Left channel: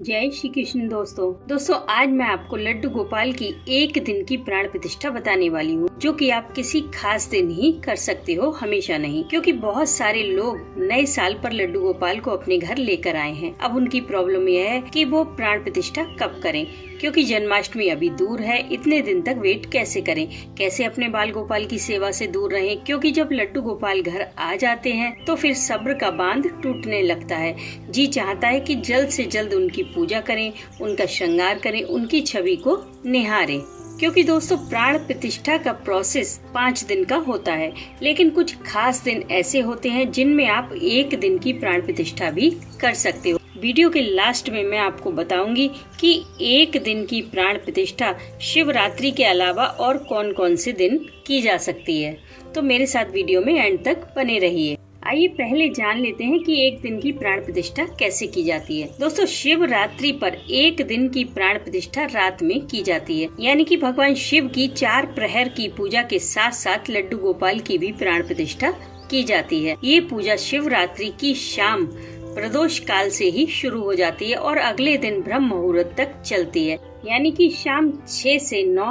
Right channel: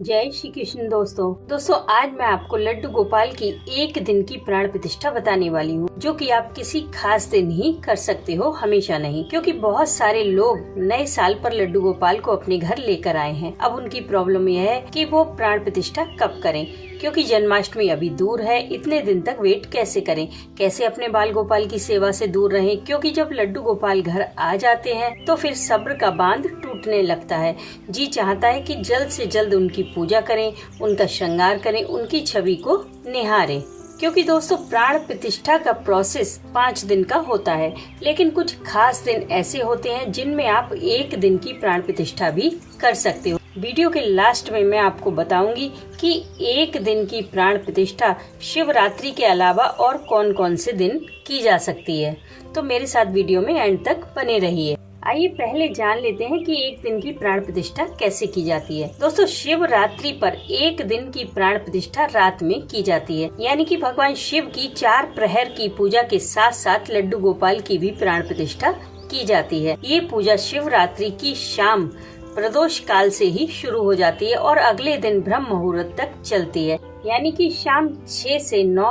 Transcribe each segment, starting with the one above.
जय श्री कृष्ण दोस्तों आज मैं आपको लड्डू गोपाल की एक दिन की प्राण प्रतिष्ठा बताने वाली हूँ, जो कि आप किसी खास दिन ही कर सकते हो, हमेशा नहीं। क्योंकि बहुत सारे लोग नए साल पर लड्डू गोपाल को अपने घर लेकर आए हैं। अब उनकी प्रॉब्लम यह है कि वो प्राण प्रतिष्ठा कब करें, क्योंकि जन्माष्टमी अभी दूर है। इतने दिन तक वेट कैसे करें, कैसे अपने बाल गोपाल की सेवा से दूर रहें, क्योंकि जब लड्डू गोपाल घर आ जाते हैं तो फिर सब्र का बांध टूटने लगता है। जी चाहता है कि जल्द से जल्द उनकी पूजा करें, उनका श्रृंगार करें, उनकी छवि को निहारें। क्योंकि दोस्तों प्राण प्रतिष्ठा का प्रोसेस 5 दिन का होता है, लेकिन कुछ खास दिन ऐसे होते हैं जिनमें आप एक दिन की प्राण प्रतिष्ठा भी कर सकते हो। वीडियो के लास्ट में मैं आपको बताऊंगी कि एक दिन की प्राण प्रतिष्ठा शिवरात्रि के अलावा और कौन कौन से दिन की जा सकती है। तो मेरे साथ वीडियो में एंड तक बने रहिए। आइए पहले जान लेते हैं कि एक दिन की प्राण प्रतिष्ठा कैसे की जाती है। दोस्तों शिवरात्रि पर एक दिन की प्राण प्रतिष्ठा रात में की जाती है, यानी कि भगवान शिव की 4 प्रहर की पूजा के साथ साथ लड्डू गोपाल की भी प्राण प्रतिष्ठा की जाती है। ये पूजा शिवरात्रि की शाम प्रदोष काल से ही शुरू हो जाती है और अगले दिन ब्रह्म मुहूर्त तक चलती है, यानी कि शाम 6 से 9,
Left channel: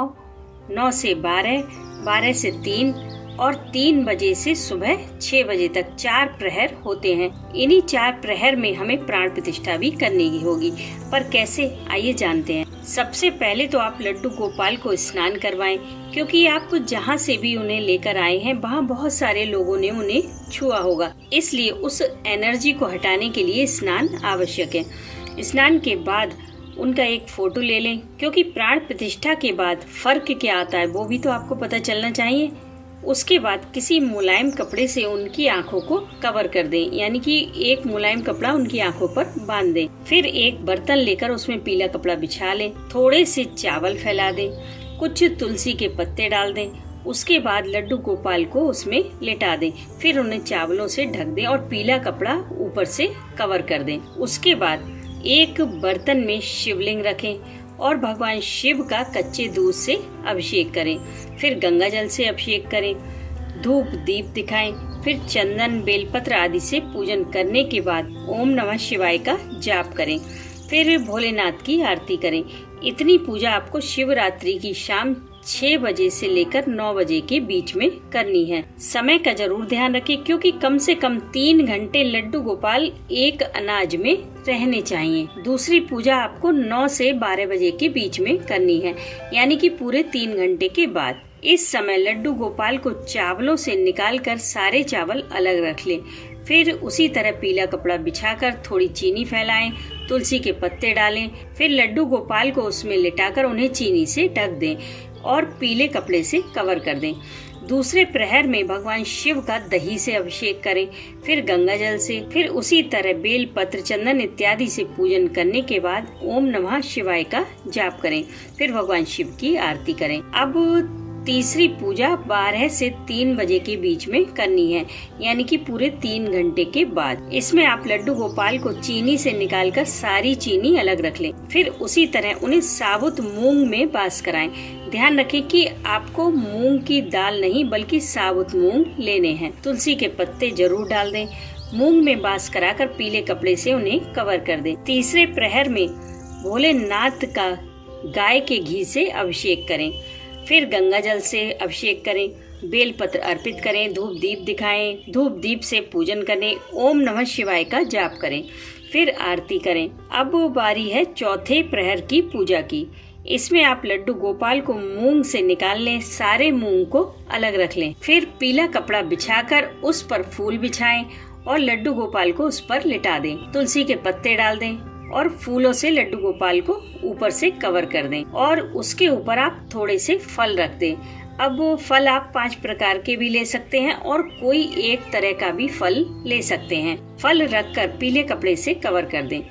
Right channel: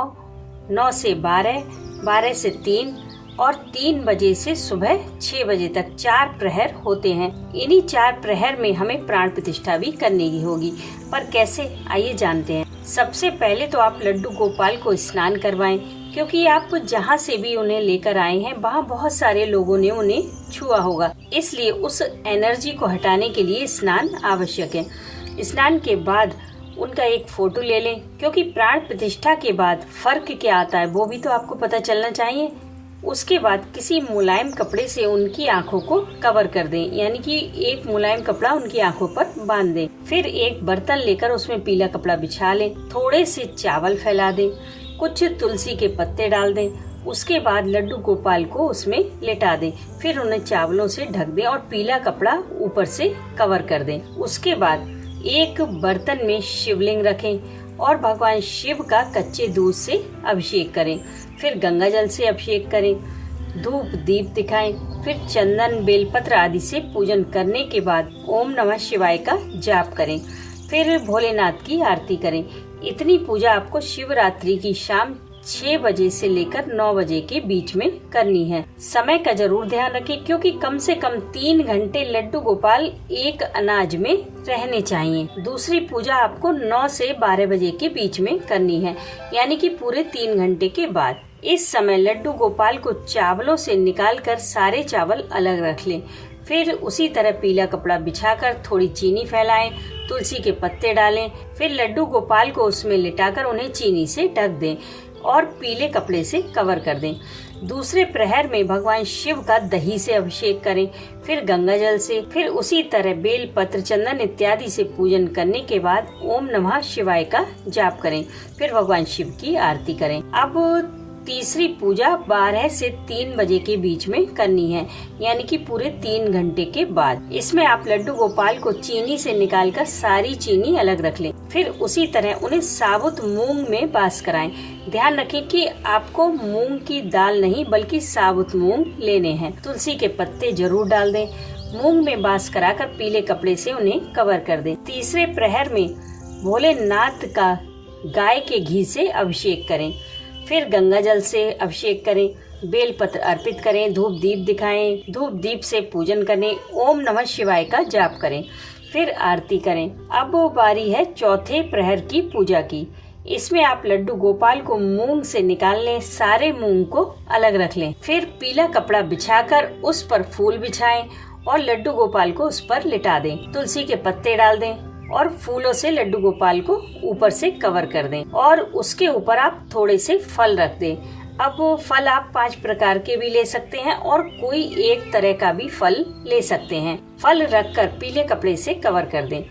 9 से 12, 12 से 3 और 3 बजे से सुबह 6 बजे तक 4 प्रहर होते हैं। इन्हीं 4 प्रहर में हमें प्राण प्रतिष्ठा भी करनी होगी, पर कैसे, आइए जानते हैं। सबसे पहले तो आप लड्डू गोपाल को स्नान करवाएं, क्योंकि आप जहाँ से भी उन्हें लेकर आए हैं वहाँ बहुत सारे लोगों ने उन्हें छुआ होगा, इसलिए उस एनर्जी को हटाने के लिए स्नान आवश्यक है। स्नान के बाद उनका एक फोटो ले लें, क्योंकि प्राण प्रतिष्ठा के बाद फर्क क्या आता है वो भी तो आपको पता चलना चाहिए। उसके बाद किसी मुलायम कपड़े से उनकी आंखों को कवर कर दें, यानी कि एक मुलायम कपड़ा उनकी आंखों पर बांध दें। फिर एक बर्तन लेकर उसमें पीला कपड़ा बिछा लें, थोड़े से चावल फैला दें, कुछ तुलसी के पत्ते डाल दें। उसके बाद लड्डू गोपाल को उसमें लेटा दें, फिर उन्हें चावलों से ढक दें और पीला कपड़ा ऊपर से कवर कर दें। उसके बाद एक बर्तन में शिवलिंग रखें और भगवान शिव का कच्चे दूध से अभिषेक करें। फिर गंगा जल से अभिषेक करें, धूप दीप दिखाएं, फिर चंदन बेलपत्र आदि से पूजन करने के बाद ओम नमः शिवाय का जाप करें। फिर भोलेनाथ की आरती करें। इतनी पूजा आपको शिवरात्रि की शाम 6 बजे से लेकर 9 बजे के बीच में करनी है। समय का जरूर ध्यान रखें, क्योंकि कम से कम 3 घंटे लड्डू गोपाल एक अनाज में रहने चाहिए। दूसरी पूजा आपको 9 से 12 बजे के बीच में करनी है, यानी कि पूरे 3 घंटे के बाद। इस समय लड्डू गोपाल को चावलों से निकालकर सारे चावल अलग रख लें। फिर उसी तरह पीला कपड़ा बिछाकर थोड़ी चीनी फैलाएं, तुलसी के पत्ते डालें, फिर लड्डू गोपाल को उसमें लिटाकर उन्हें चीनी से ढक दें और पीले कपड़े से कवर कर दें। दूसरे प्रहर में भगवान शिव का दही से अभिषेक करें, फिर गंगा जल से, फिर उसी तरह बेल पत्र चंदन इत्यादि से पूजन करने के बाद ओम नमः शिवाय का जाप करें। फिर भगवान शिव की आरती करें। अब तीसरी पूजा 12 से 3 बजे के बीच में करनी है, यानी कि पूरे 3 घंटे के बाद। इसमें आप लड्डू गोपाल को चीनी से निकालकर सारी चीनी अलग रख लें। फिर उसी तरह उन्हें साबुत मूंग में वास कराएं। ध्यान रखें कि आपको मूंग की दाल नहीं बल्कि साबुत मूंग लेने हैं। तुलसी के पत्ते जरूर डाल दें। मूंग में वास कराकर पीले कपड़े से उन्हें कवर कर दें। तीसरे प्रहर में भोलेनाथ का गाय के घी से अभिषेक करें। फिर गंगा जल से अभिषेक करें, बेल पत्र अर्पित करें, धूप दीप दिखाएं, धूप दीप से पूजन करें, ओम नमः शिवाय का जाप करें, फिर आरती करें। अब वो बारी है चौथे प्रहर की पूजा की। इसमें आप लड्डू गोपाल को मूंग से निकाल लें, सारे मूंग को अलग रख लें। फिर पीला कपड़ा बिछाकर उस पर फूल बिछाएं और लड्डू गोपाल को उस पर लिटा दें। तुलसी के पत्ते डाल दें और फूलों से लड्डू गोपाल को ऊपर से कवर कर दें और उसके ऊपर आप थोड़े से फल रख दें। अब वो फल आप 5 प्रकार के भी ले सकते हैं और कोई एक तरह का भी फल ले सकते हैं। फल रखकर पीले कपड़े से कवर कर दें।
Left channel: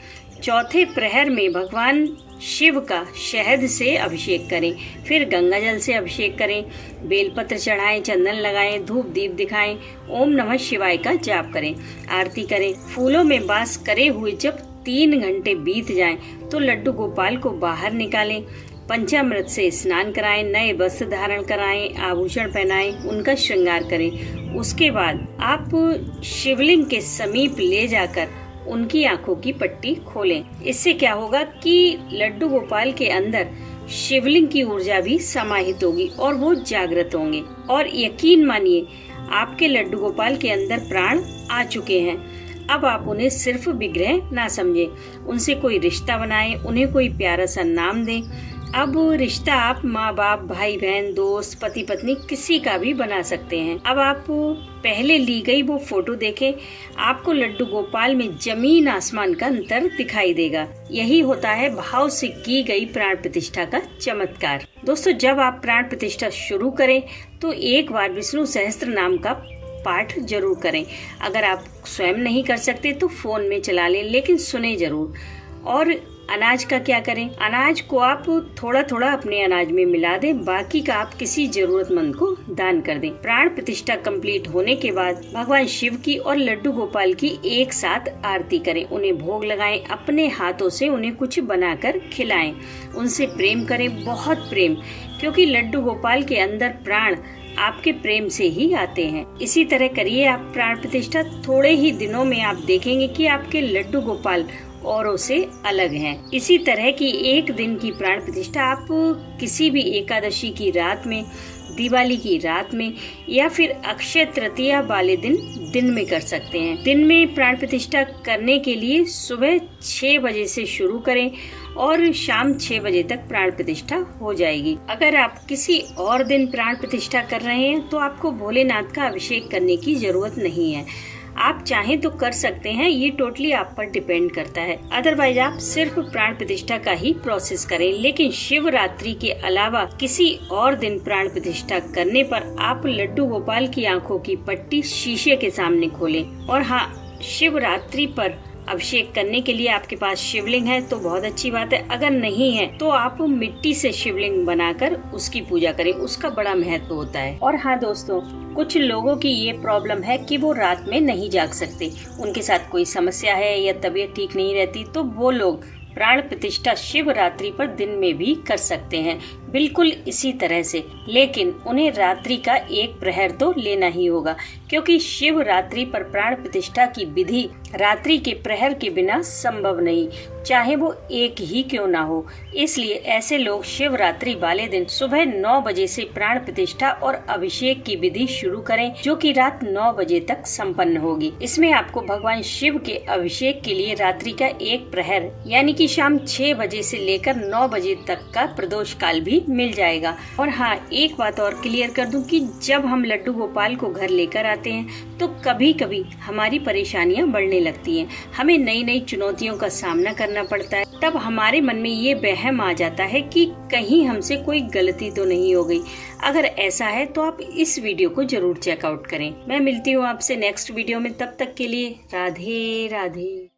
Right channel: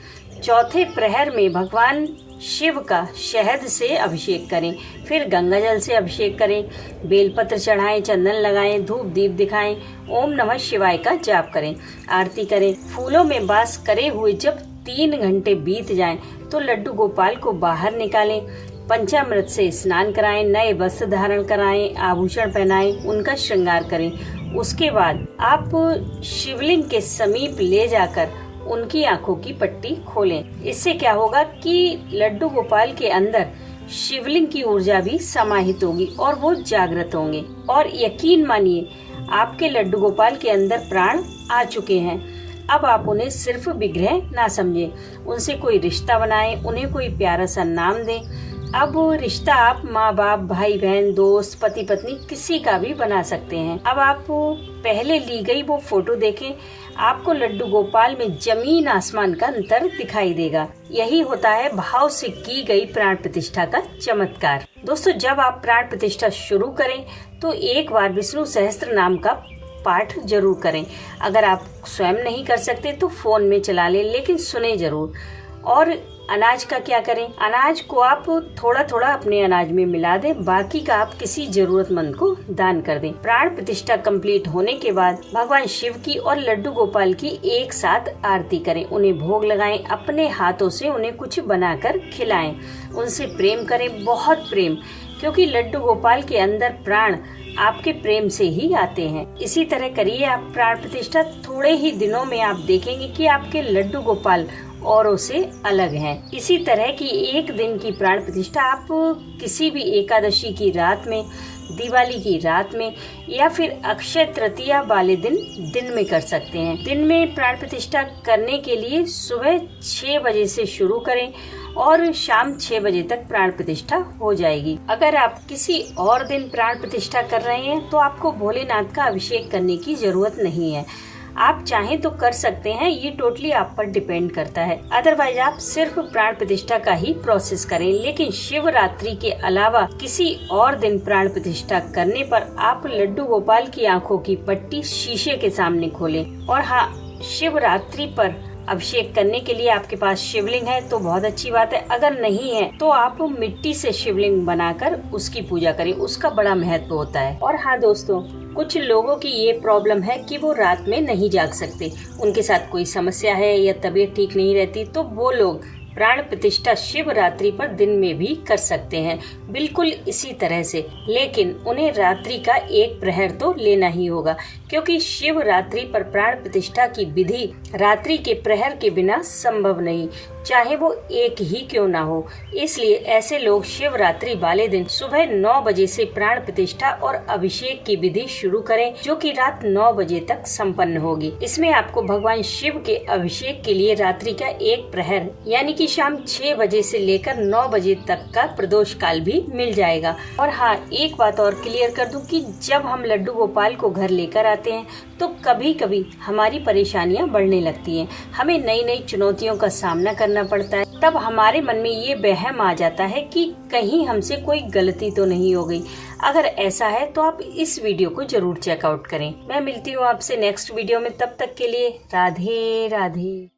चौथे प्रहर में भगवान शिव का शहद से अभिषेक करें, फिर गंगा जल से अभिषेक करें, बेलपत्र चढ़ाएं, चंदन लगाएं, धूप दीप दिखाएं, ओम नमः शिवाय का जाप करें, आरती करें। फूलों में वास करे हुए जब 3 घंटे बीत जाएं, तो लड्डू गोपाल को बाहर निकालें, पंचामृत से स्नान कराएं, नए वस्त्र धारण कराएं, आभूषण पहनाएं, उनका श्रृंगार करें। उसके बाद आप शिवलिंग के समीप ले जाकर उनकी आंखों की पट्टी खोलें। इससे क्या होगा कि लड्डू गोपाल के अंदर शिवलिंग की ऊर्जा भी समाहित होगी और वो जागृत होंगे। और यकीन मानिए, आपके लड्डू गोपाल के अंदर प्राण आ चुके हैं। अब आप उन्हें सिर्फ विग्रह ना समझें, उनसे कोई रिश्ता बनाएं, उन्हें कोई प्यारा सा नाम दें। अब वो रिश्ता आप माँ बाप, भाई बहन, दोस्त, पति पत्नी किसी का भी बना सकते हैं। अब आप पहले ली गई वो फोटो देखें, आपको लड्डू गोपाल में जमीन आसमान का अंतर दिखाई देगा। यही होता है भाव से की गई प्राण प्रतिष्ठा का चमत्कार। दोस्तों, जब आप प्राण प्रतिष्ठा शुरू करें तो एक बार विष्णु सहस्त्र नाम का पाठ जरूर करें। अगर आप स्वयं नहीं कर सकते तो फोन में चला लें, लेकिन सुने जरूर। और अनाज का क्या करें? अनाज को आप थोड़ा थोड़ा अपने अनाज में मिला दें, बाकी का आप किसी जरूरतमंद को दान कर दें। प्राण प्रतिष्ठा कंप्लीट होने के बाद भगवान शिव की और लड्डू गोपाल की एक साथ आरती करें, उन्हें भोग लगाएं, अपने हाथों से उन्हें कुछ बनाकर खिलाएं, उनसे प्रेम करें, बहुत प्रेम, क्योंकि लड्डू गोपाल के अंदर प्राण आपके प्रेम से ही आते हैं। इसी तरह करिए आप प्राण प्रतिष्ठा। थोड़े ही दिनों में आप देखेंगे कि आपके लड्डू गोपाल औरों से अलग हैं। इसी तरह की एक दिन की प्राण प्रतिष्ठा आप किसी भी एकादशी की रात में, दिवाली की रात में या फिर अक्षय तृतीया वाले दिन में कर सकते हैं। दिन में प्राण प्रतिष्ठा करने के लिए सुबह 6 बजे से शुरू करें और शाम 6 बजे तक प्राण प्रतिष्ठा हो जाएगी। अगर आप किसी और दिन प्राण प्रतिष्ठा कर रहे हैं तो आपको भोलेनाथ का अभिषेक करने की जरूरत नहीं है। आप चाहें तो कर सकते हैं, ये टोटली आप पर डिपेंड करता है। अदरवाइज आप सिर्फ प्राण प्रतिष्ठा का ही प्रोसेस करें। लेकिन शिवरात्रि के अलावा किसी और दिन प्राण प्रतिष्ठा करने पर आप लड्डू गोपाल की आंखों की पट्टी शीशे के सामने खोलें। और हाँ, शिवरात्रि पर अभिषेक करने के लिए आपके पास शिवलिंग है तो बहुत अच्छी बात है। अगर नहीं है तो आप मिट्टी से शिवलिंग बनाकर उसकी पूजा करें, उसका बड़ा महत्व होता है। और हाँ दोस्तों, कुछ लोगों की ये प्रॉब्लम है कि वो रात में नहीं जाग सकते, उनके साथ कोई समस्या है या तबीयत ठीक नहीं रहती, तो वो लोग प्राण प्रतिष्ठा शिवरात्रि पर दिन में भी कर सकते हैं, बिल्कुल इसी तरह से। लेकिन उन्हें रात्रि का 1 प्रहर तो लेना ही होगा, क्योंकि शिवरात्रि पर प्राण प्रतिष्ठा की विधि रात्रि के प्रहर के बिना संभव नहीं, चाहे वो एक ही क्यों ना हो। इसलिए ऐसे लोग शिवरात्रि वाले दिन सुबह 9 बजे से प्राण प्रतिष्ठा और अभिषेक की विधि शुरू करें, जो कि रात 9 बजे तक संपन्न होगी। इसमें आपको भगवान शिव के अभिषेक के लिए रात्रि का 1 प्रहर यानी कि शाम 6 बजे से लेकर 9 बजे तक का प्रदोष काल भी मिल जाएगा। और हाँ, एक बात और क्लियर कर दूं कि जब हम लड्डू गोपाल को घर लेकर आते हैं तो कभी कभी हमारी परेशानियां बढ़ने लगती हैं, हमें नई नई चुनौतियों का सामना करना पड़ता है। तब हमारे मन में ये वहम आ जाता है कि कहीं हमसे कोई गलती तो नहीं हो गई। अगर ऐसा है तो आप इस वीडियो को जरूर चेकआउट करें। मैं मिलती हूँ आपसे नेक्स्ट वीडियो में, तब तक के लिए राधे राधे।